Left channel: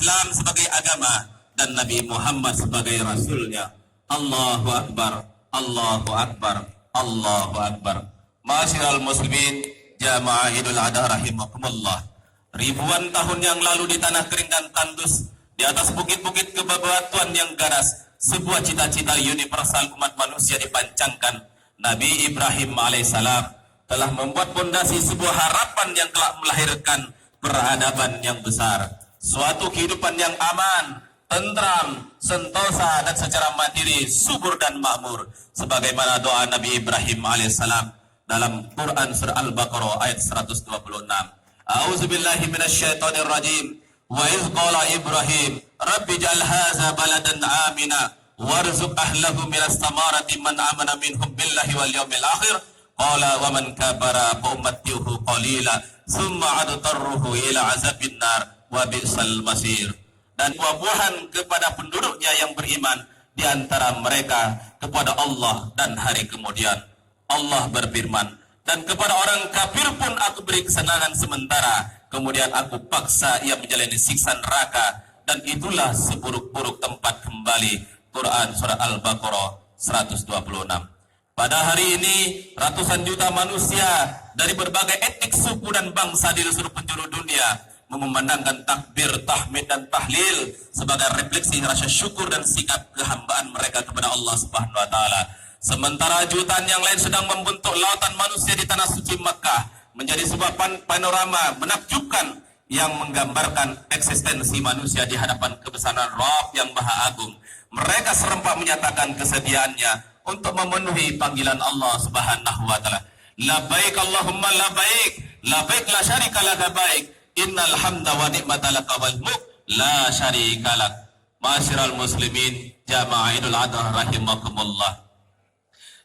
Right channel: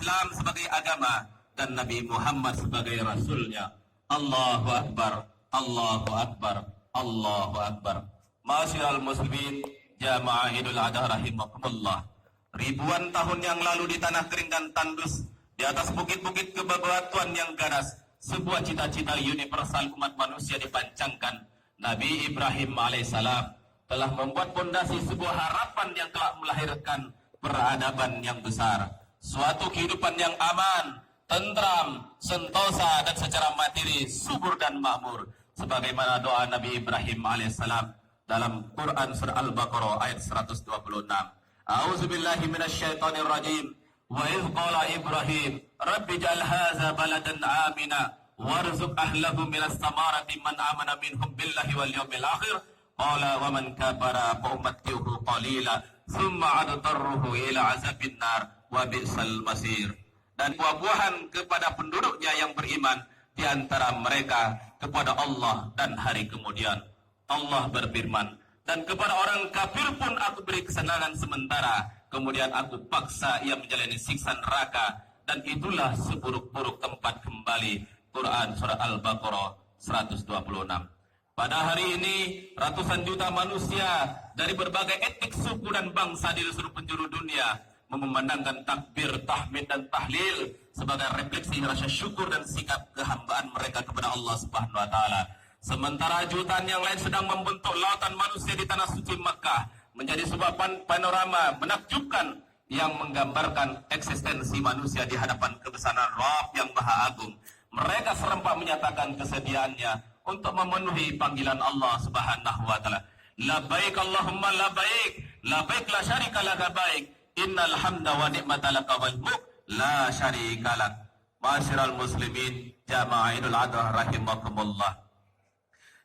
Islam sebagai agama dan Nabi Muhammad sebagai Rasulnya. Allahu Akbar, Allahu Akbar, Allahu Akbar. Masyiral muslimin, jamaah Idul Adha rahimakumullah. Ribuan tahun yang lalu di tanah kering dan tandus, di atas bukit-bukit kebebatuan yang ganas, sebuah cita-cita universal umat manusia dipancangkan. Nabi Ibrahim alaihissalam telah membuat fondasi sebuah harapan yang telah melahirkan peradaban yang besar, suatu kehidupan yang aman, tentram, sentosa dan secara materi subur dan makmur, sebagaimana doa Nabi Ibrahim alaihissalam dalam Quran surah Al-Baqarah ayat 126. A'udzubillahi minasyaitonir rajim. Wa idz qala Ibrahim rabbi ij'al hadza baladan amina warzuq ahlahu minas samarati man amana minhum billahi wal yawmil akhir qala wa man kafara fa ummatuhu qalila summa adtarruhu ila azabin nar wa bi'sal masir. Dan buah-buahan kepada penduduknya yang beriman di antara mereka kepada Allah dan hari kemudian. Allah berfirman, dan kepada orang kafir pun aku beri kesenangan sementara, kemudian aku paksa ia menjalani siksa neraka, dan itulah seburuk-buruk tempat kembali. Quran surah Al-Baqarah 126. Pada hari ini ratusan juta manusia dari berbagai etnik, suku dan bangsa di seluruh penjuru dunia mengumandangkan takbir, tahmid dan tahlil sebagai refleksi rasa syukur dan sikap kehambaan mereka kepada Allah Subhanahu wa taala. Sementara jutaan yang lain sedang membentuk lautan manusia di tanah suci Makkah menjadi sebuah panorama menakjubkan yang menggambarkan eksistensi manusia di hadapan kebesaran Rabb yang Maha Agung. Mereka serempak menyatakan kesediaannya untuk memenuhi panggilan Allah Subhanahu wa taala. Labbaik Allahumma labbaik, labbaik la syarika laka baik, innal hamda wa ni'mata laka wal mulk la syarika lak. Masyiral muslimin, jamaah Idul Adha rahimakumullah.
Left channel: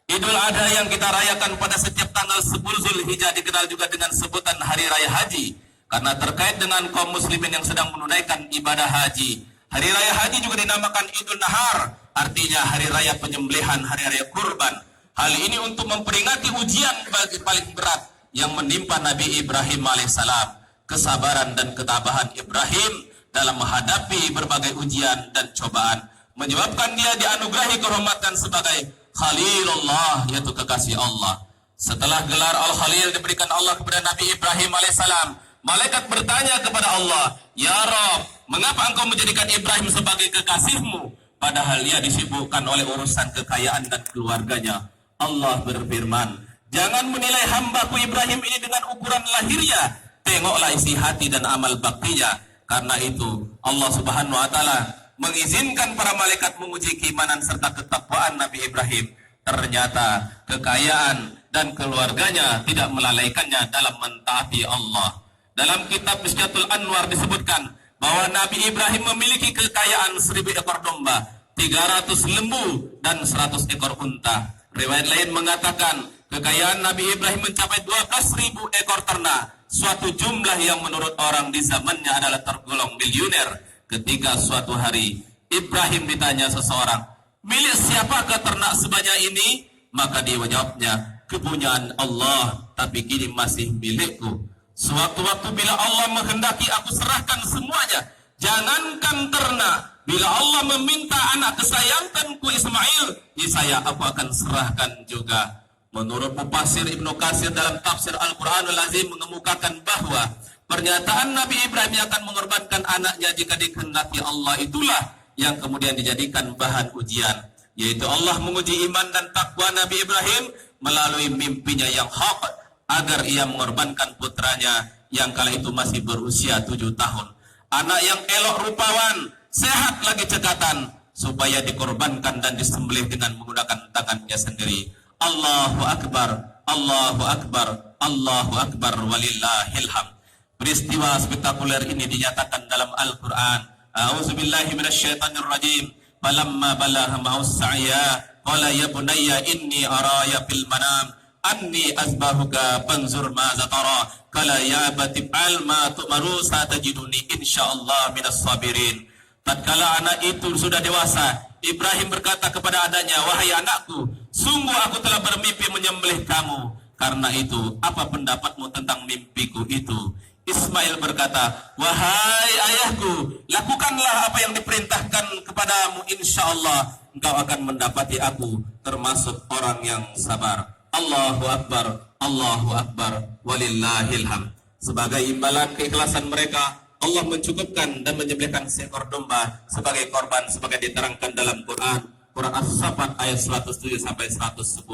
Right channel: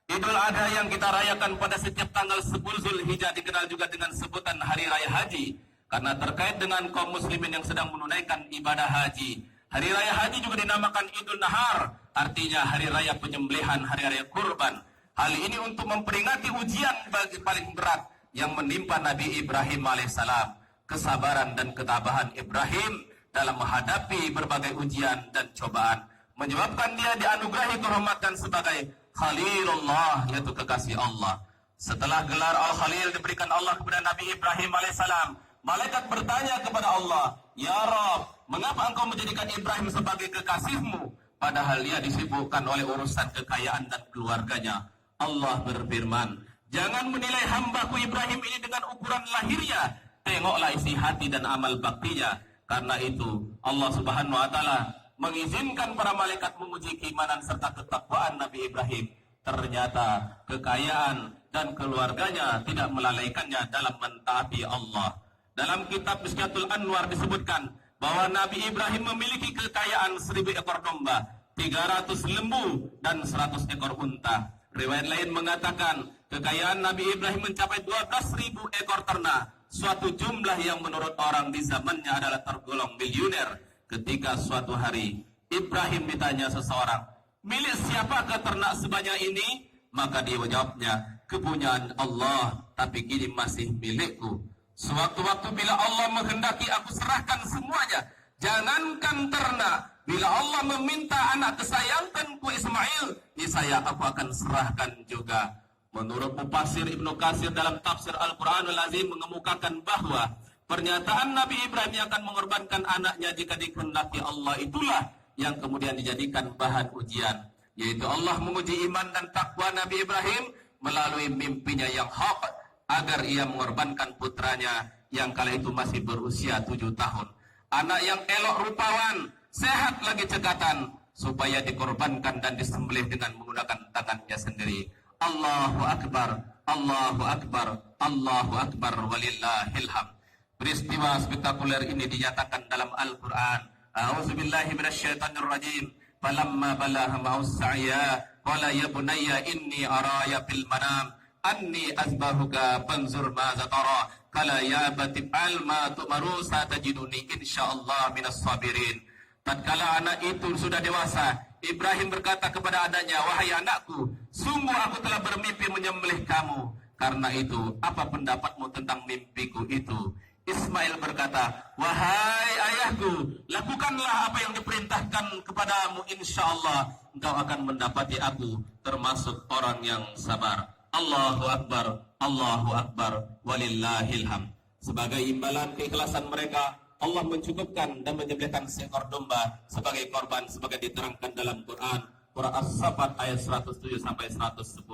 Idul Adha yang kita rayakan pada setiap tanggal 10 Zulhijjah dikenal juga dengan sebutan Hari Raya Haji, karena terkait dengan kaum muslimin yang sedang menunaikan ibadah haji. Hari Raya Haji juga dinamakan Idul Nahar, artinya hari raya penyembelihan, hari raya kurban. Hal ini untuk memperingati ujian paling berat yang menimpa Nabi Ibrahim alaihissalam. Kesabaran dan ketabahan Ibrahim dalam menghadapi berbagai ujian dan cobaan menyebabkan dia dianugerahi kehormatan sebagai Khalilullah, yaitu kekasih Allah. Setelah gelar Al-Khalil diberikan Allah kepada Nabi Ibrahim alaihissalam, malaikat bertanya kepada Allah, "Ya Rabb, mengapa engkau menjadikan Ibrahim sebagai kekasihmu, padahal dia disibukkan oleh urusan kekayaan dan keluarganya?" Allah berfirman, "Jangan menilai hambaku Ibrahim ini dengan ukuran lahirnya, tengoklah isi hati dan amal baktinya." Karena itu Allah Subhanahu wa taala mengizinkan para malaikat menguji keimanan serta ketakwaan Nabi Ibrahim. Ternyata kekayaan dan keluarganya tidak melalaikannya dalam mentaati Allah. Dalam kitab Miskatul Anwar disebutkan bahwa Nabi Ibrahim memiliki kekayaan 1000 ekor domba, 300 lembu dan 100 ekor unta. Riwayat lain mengatakan kekayaan Nabi Ibrahim mencapai 12.000 ekor ternak, suatu jumlah yang menurut orang di zamannya adalah tergolong miliuner. Ketika suatu hari Ibrahim ditanya seseorang, "Milik siapakah ternak sebanyak ini?" Maka dia menjawabnya, "Kepunyaan Allah, tapi kini masih milikku. Suatu waktu bila Allah menghendaki, aku serahkan semuanya. Jangankan ternak, bila Allah meminta anak kesayanganku Ismail, niscaya aku akan serahkan juga." Menurut Mufassir Ibnu Katsir dalam tafsir Al-Qur'anul Azim mengemukakan bahwa pernyataan Nabi Ibrahim yang akan mengorbankan anaknya jika dikehendaki Allah itulah yang kemudian dijadikan bahan ujian, yaitu Allah menguji iman dan takwa Nabi Ibrahim melalui mimpinya yang hak agar ia mengorbankan putranya yang kala itu masih berusia 7 tahun. Anak yang elok rupawan, sehat lagi cekatan, supaya dikorbankan dan disembelih dengan menggunakan tangannya sendiri. Allahu Akbar, Allahu Akbar, Allahu Akbar, walillahil hamd. Peristiwa spektakuler ini dinyatakan dalam Al-Quran. A'udzubillahi minasyaitonir rajim. Falamma balagha ma'us sa'ya qala ya bunayya inni araya fil manam anni azbahuka fanzur madza tara qala ya abati fa'al ma tu'maru satajiduni insyaallah minas sabirin. Tatkala anak itu sudah dewasa, Ibrahim berkata kepada adanya, "Wahai anakku, sungguh aku telah bermimpi menyembelih kamu. Karena itu, apa pendapatmu tentang mimpiku itu?" Ismail berkata, wahai ayahku, lakukanlah apa yang diperintahkan kepadamu, insya Allah engkau akan mendapati aku termasuk orang yang sabar. Allahu Akbar, Allahu Akbar, walillahil hamd. Sebagai imbalan keikhlasan mereka, Allah mencukupkan dan menyembelihkan seekor domba sebagai korban, sebagai diterangkan dalam Quran. Surah As-Saffat ayat 107 sampai 110.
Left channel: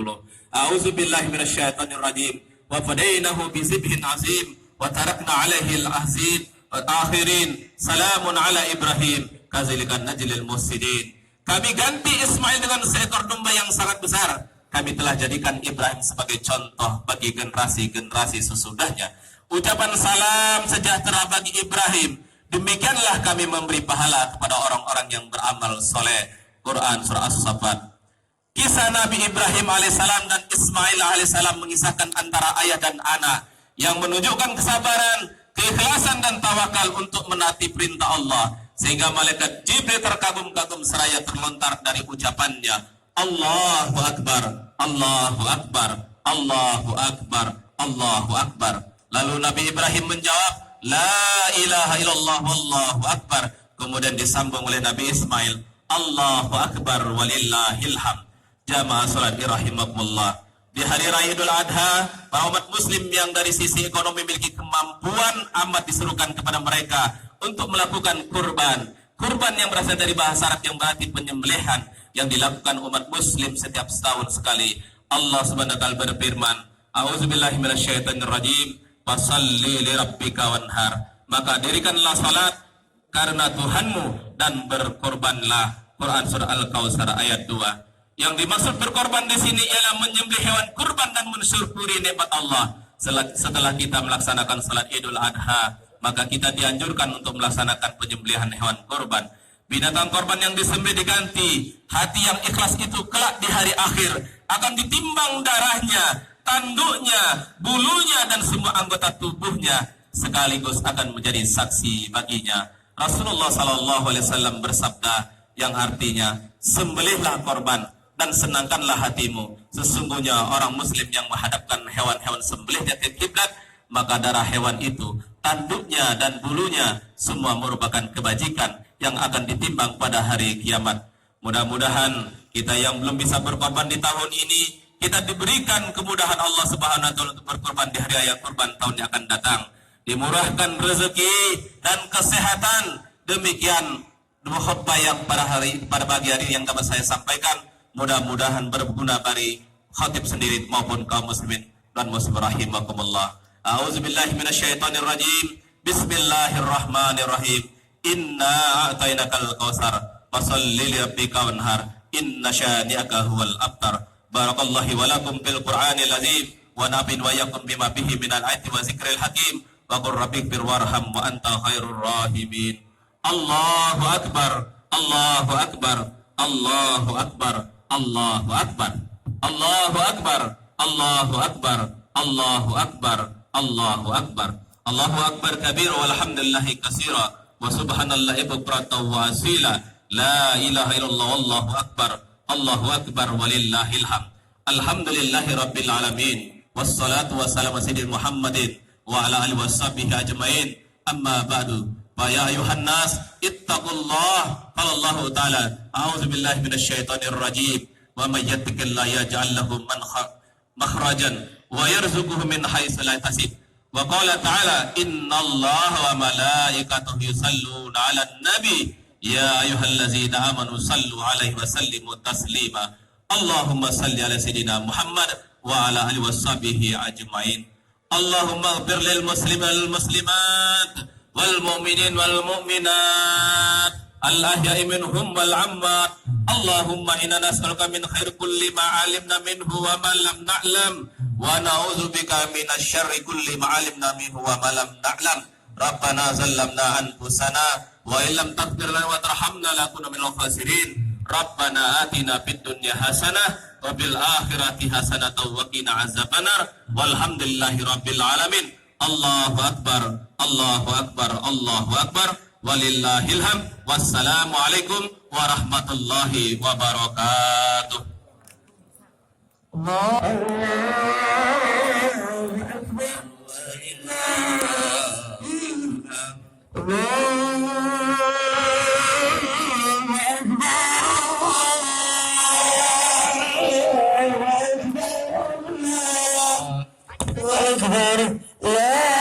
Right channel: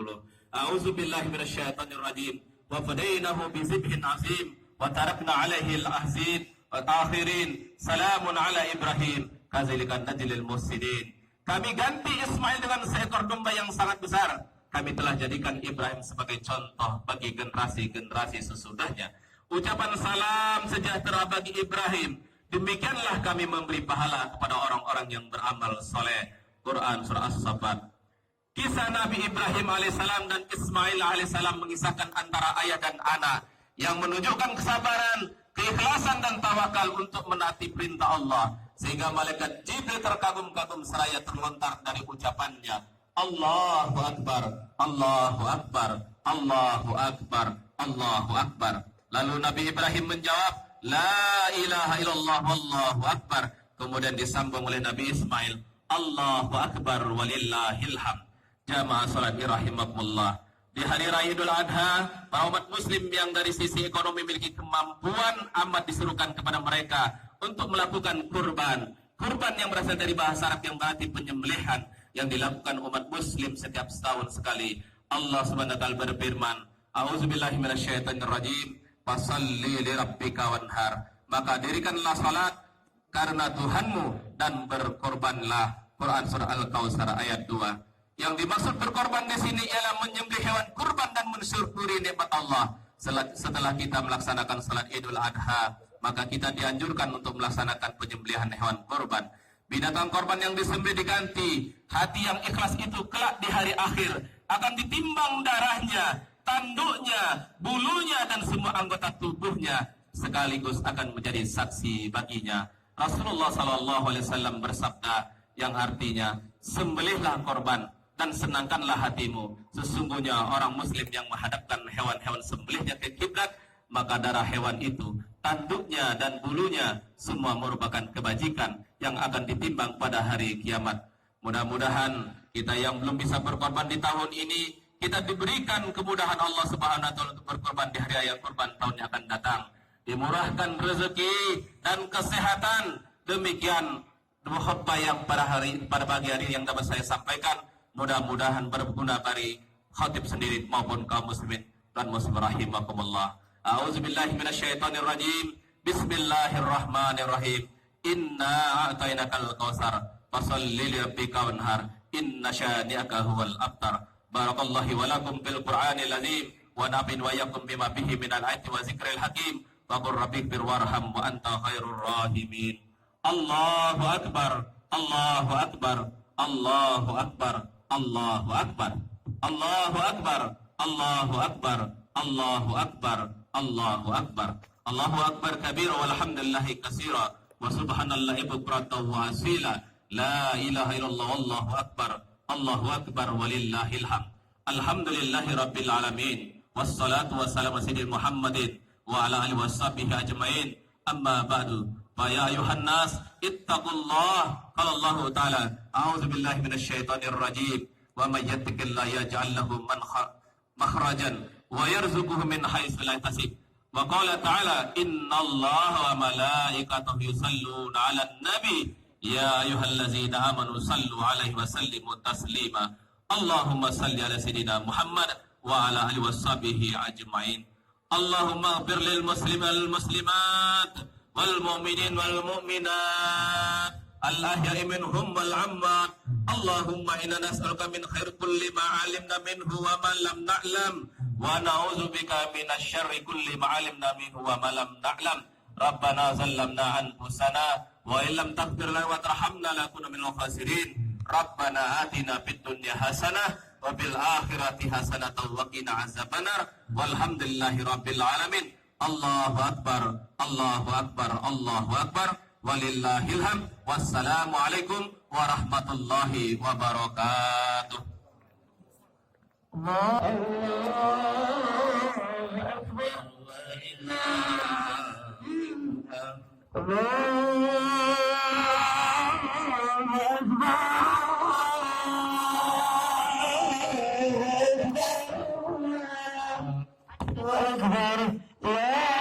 A'udzubillahi minasyaitonirrajim. Wa fadainahu bizibhin azim wa tarakna 'alaihi al-ahzin wa akhirin. Salamun 'ala Ibrahim kadzalikan najlil muhsinin. Kami ganti Ismail dengan seekor domba yang sangat besar. Kami telah jadikan Ibrahim sebagai contoh bagi generasi-generasi sesudahnya. Ucapan salam sejahtera bagi Ibrahim. Demikianlah kami memberi pahala kepada orang-orang yang beramal soleh. Quran surah As-Saffat. Kisah Nabi Ibrahim alaihissalam dan Ismail alaihissalam mengisahkan antara ayah dan anak yang menunjukkan kesabaran, keikhlasan dan tawakal untuk menaati perintah Allah, sehingga malaikat Jibril terkagum-kagum seraya terlontar dari ucapannya, Allahu Akbar, Allahu Akbar, Allahu Akbar, Allahu Akbar. Lalu Nabi Ibrahim menjawab, La ilaha illallah wallahu akbar. Kemudian disambung oleh Nabi Ismail, Allahu Akbar walillahil hamd. Jamaah salat rahimakumullah. Di hari raya Idul Adha, umat muslim yang dari sisi ekonomi memiliki kemampuan amat diserukan kepada mereka untuk melakukan kurban. Kurban yang berasal dari bahasa Arab yang berarti penyembelihan, yang dilakukan umat muslim setiap setahun sekali. Allah Subhanahu wa taala berfirman, A'udzubillahi minasyaitonirrajim. Fasalli li rabbika wanhar. Maka dirikanlah salat karena Tuhanmu dan berkorbanlah. Quran surah Al-Kautsar ayat 2. Yang dimaksud berkorban di sini ialah menyembelih hewan kurban dan mensyukuri nikmat Allah. Setelah kita melaksanakan salat Idul Adha, maka kita dianjurkan untuk melaksanakan penyembelihan hewan kurban. Binatang korban yang disembelih diganti. Hati yang ikhlas itu kelak di hari akhir akan ditimbang darahnya, tanduknya, bulunya dan semua anggota tubuhnya sekaligus akan menjadi saksi baginya. Rasulullah SAW bersabda yang artinya, sembelihlah korban dan senangkanlah hatimu. Sesungguhnya orang muslim yang menghadapkan hewan-hewan sembelihnya ke kiblat, maka darah hewan itu, tanduknya dan bulunya semua merupakan kebajikan yang akan ditimbang pada hari kiamat. Mudah-mudahan kita yang belum bisa berkorban di tahun ini, kita diberikan kemudahan Allah Subhanahu wa taala untuk berkorban di hari raya kurban tahun yang akan datang. Dimurahkan rezeki dan kesehatan. Demikian dua khutbah yang pada pagi hari yang dapat saya sampaikan, mudah-mudahan berguna bagi khatib sendiri maupun kaum muslimin dan muslim rahimakumullah. A'udzubillahi minasyaitonirrajim. Bismillahirrahmanirrahim. Inna a'tainakal kautsar fasholli li rabbika wanhar. Inna syani'aka huwal abtar. Barakallahu wa lakum bil Qur'anil azim wa nafin wa yakum bima bihi minal ayati wa zikril hakim wa qur rabbighfir warham wa anta khairur rahimin. Allahu akbar, Allahu akbar, Allahu akbar, Allahu akbar, Allahu akbar, Allahu akbar, Allahu akbar, Allahu akbar, Allahu akbar kabira walhamdulillahi katsira wa subhanallahi bukratan wa asila. La ilaha illallah wallahu akbar. Allahu akbar walillahil hamd. Alhamdulillahi rabbil alamin. Wassalatu wassalamu ala sayyidina Muhammadin wa ala alihi washabihi ajmain. Amma ba'du. Fa ya ayuhan nas ittaqullah. Qala Allah ta'ala, a'udzu billahi minasyaitonir rajim. Wa may yattaqillaha yaj'al lahu makhrajan wa yarzuquhu min haitsu la yahtasib. Wa qala ta'ala, innallaha wa malaikatahu yusalluna 'alan nabi. Ya ayyuhallazina amanu sallu alaihi wa sallimu taslima. Allahumma salli ala sayyidina Muhammad wa ala alihi washabihi ajmain. Allahumma ighfir lil muslimin wal muslimat wal mu'minin wal mu'minat al ahya'i minhum wal amwat. Allahumma inna nas'aluka min khairi kulli ma 'alimna minhu wa ma lam na'lam wa na'udzubika minasy syarri kulli ma 'alimna minhu wa ma lam na'lam. Rabbana zallamna anfusana wa illam taghfir lana wa tarhamna lakuna minal khasirin. Rabbana atina fid dunya hasanah wa fil akhirati hasanah wa qina azabannar. Walhamdulillahi rabbil alamin. Allahu akbar, Allahu akbar, Allahu akbar. Walillahil hamd. Wassalamu alaikum warahmatullahi wabarakatuh. Allah أكبر لا